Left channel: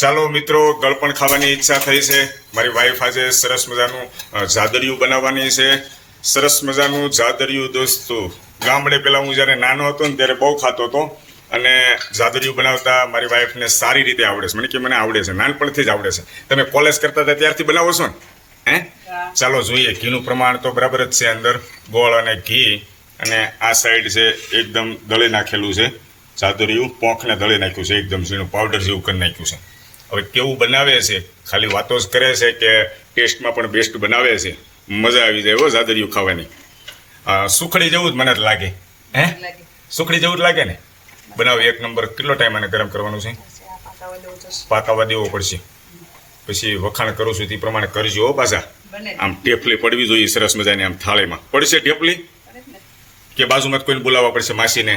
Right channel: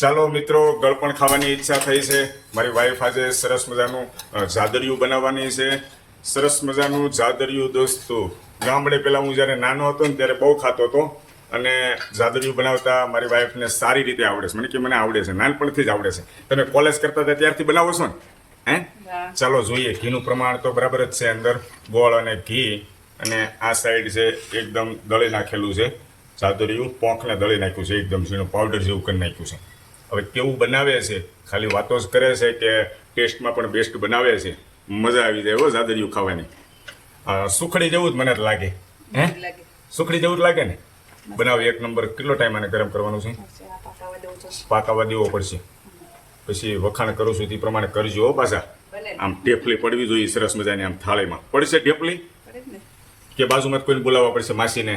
ચાલો મિત્રો, ગળપણ ખાવાની ઈચ્છા થઈ છે. મારી વાઈફ આજે સરસ મજાનું જાદરિયું બનાવવાની છે. સરસ મજાનું જાદરિયું દોસ્તો. ગામડે પહેલાં હું જ્યારે નાનો હતો ને ત્યારે બહુ ખાતો હતો, અને જાદરિયું બનાવતા મારી વાઈફને સારી રીતે આવડે છે. મને કે મને આવડે છે, નાનપણથી જ આવડે છે. તમે કોલેજ કરતા હતા ત્યારથી બનાવો છો ને? ચાલો જોઈએ. ઘીનું પ્રમાણ તો બરાબર જ છે. અંદર ગોળ અને ઘી, અને આ સાઈડ છે એકદમ દળી નાખેલું છે જાદરિયું. પોંખને દળી નાખ્યું છે, એકદમ ઝીણું પાવડર જેવું કરી નાખ્યું છે. હવે કેવું બનાવે છે, ખાલી વાતો જ કરે છે કે ટેસ્ટમાં પણ બેસ્ટ બનાવે છે. મજા આવી જાય હો જાદરિયું ખાવાની. સુખડી જેવું જ મને જ લાગે. સુખડી જેવું જ લાગે ને? બનાવો એક નંબર. કેટલો ટાઈમ આને ગરમ કરવાનું છે? પાકાવા દેવો પડશે. પછી વખાણ કરું છું તે પ્રમાણે કરજો હો પાછા. આમ ટેફલી પડવી જોઈએ સરસ મજાની. આમ થાળીમાં પડશે ટેફલી કે બાજુમાં કોઈને બોલાવવા પડશે માસીને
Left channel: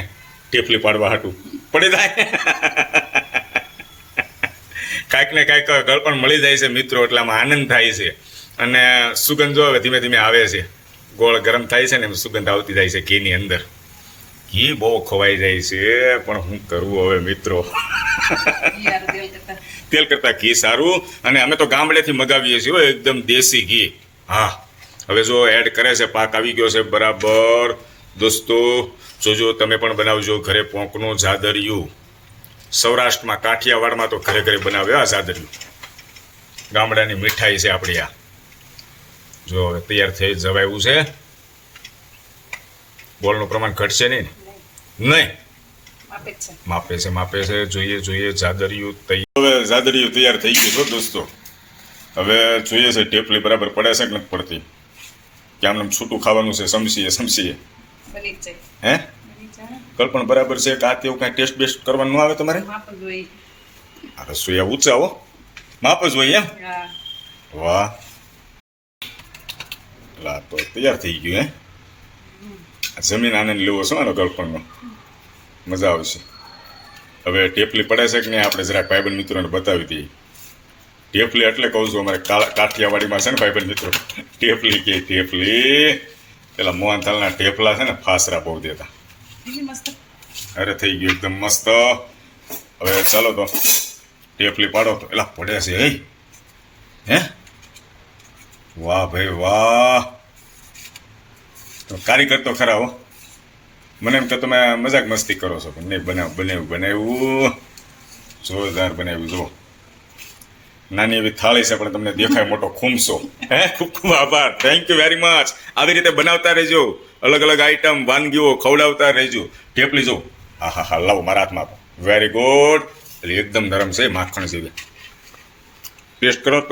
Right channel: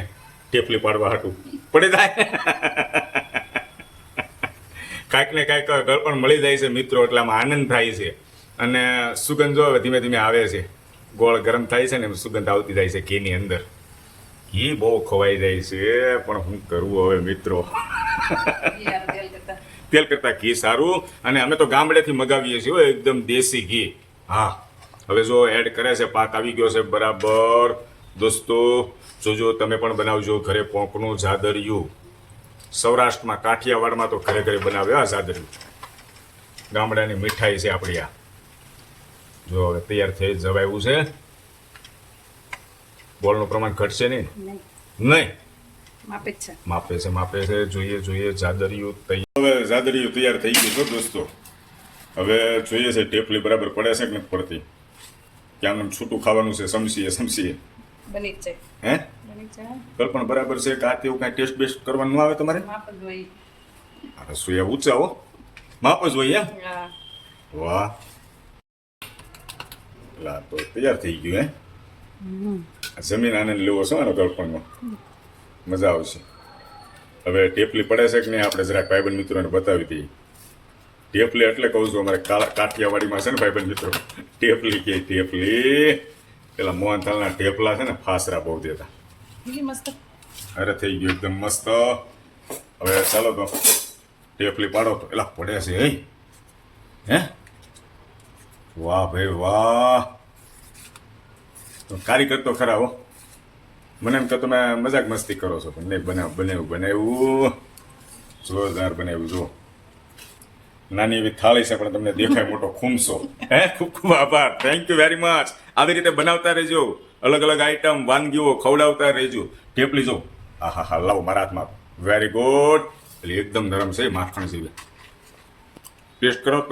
ટેફલી પાડવા હાટું? પડી જાય. કાંઈક ને કાંઈક ગળપણ મળી જાય છે મિત્રો, એટલે આમાં આનંદ થાય છે. અને સુગંધ જો હવે ધીમે ધીમે આવે છે. ગોળ ગરમ થાય છે ને એમ સુગંધ આવતી જાય છે ઘીની અંદર. ઘી બહુ ખવાઈ જાય છે, પણ હું કરવું હવે મિત્રો? તેલ કરતાં ઘી સારું. અને અમે તો ગામડેથી મગાવીએ છીએ એકદમ દેશી ઘી. હા, હવે જો એડ કરે છે, પાક આવી ગયો છે બરાબર. દોસ્તો જોજો, તમે પણ બનાવજો ઘરે પોંકનું જાદરિયું. સૌરાષ્ટ્રમાં કાઠિયાવાડમાં તો ઘરે ઘરે બનાવે આ જાદરિયું. ગામડાની મીઠાઈ છે આપણી આ. જો હવે તૈયાર થઈ જવાયું છે. ગોળનું પ્રમાણ ઘટશે નહીં ને? નહીં, માપે છે. જોઈએ જાદરિયું તૈયાર. હવે જાદરિયું તૈયાર થઈ ગયું છે દોસ્તો. હવે જોઈએ છે ટેફલી બરાબર પડે છે કે નથી પડતી, કે આમને છૂટું ખાવાનું છે? સમસીએ હે કલ્પણ બરાબર છે કે આ તેવું કાંઈ ટેસ્ટ બેસ્ટ કરવાનું ન આવે તમારે? આ રસોઈયા ઊંચા હો, માપ જ હોય એમ? વાહ, લા તો તૈયાર થઈ ગયું. જમીન આનંદ લેવો છો આનો ગળપણનો, મજા આવશે. હવે ટેફલી પડે છે કે નહીં આપણે જરાક ભાઈબંધ મિત્રોને બતાવી દઈએ. ટેફલી એટલે કહું છું, અમારે કાઠિયાવાડીમાં છે ને ભાઈબંધ મિત્રો, ટેફલી કે ટેફલી. પેલા મોહનથાલના ટેફલા છે ને, ફાસરા બહુ દેતા. અરે થઈ ગયું એકદમ મસ્ત. હવે ચાલો તો ટેફલી પાડો તો. એલા પડે છે હે? વાહ ભાઈ વાહ, કારીગર તો ખરા હો. મને એમ તો તમે મજાક મસ્તી કરો છો, પણ નહીં, બનાવ્યું જોરદાર બનાવ્યું. જુઓ, નાની એવી થાળી છે પણ તમને દેખાય મોટો ખૂમસો. ખૂબ ખૂબ આભાર, થેન્ક યુ વેરી મચ. આવી રીતે બનાવતા રહેજો, અલગ અલગ આઈટમ વાનગીઓ ખવડાવતા રહેજો. ટેફલી જો, હા, લાવો મારા હાથમાં. Very good. એટલે એકદમ નરમ છે, માખણ જેવી. ટેસ્ટ કરો.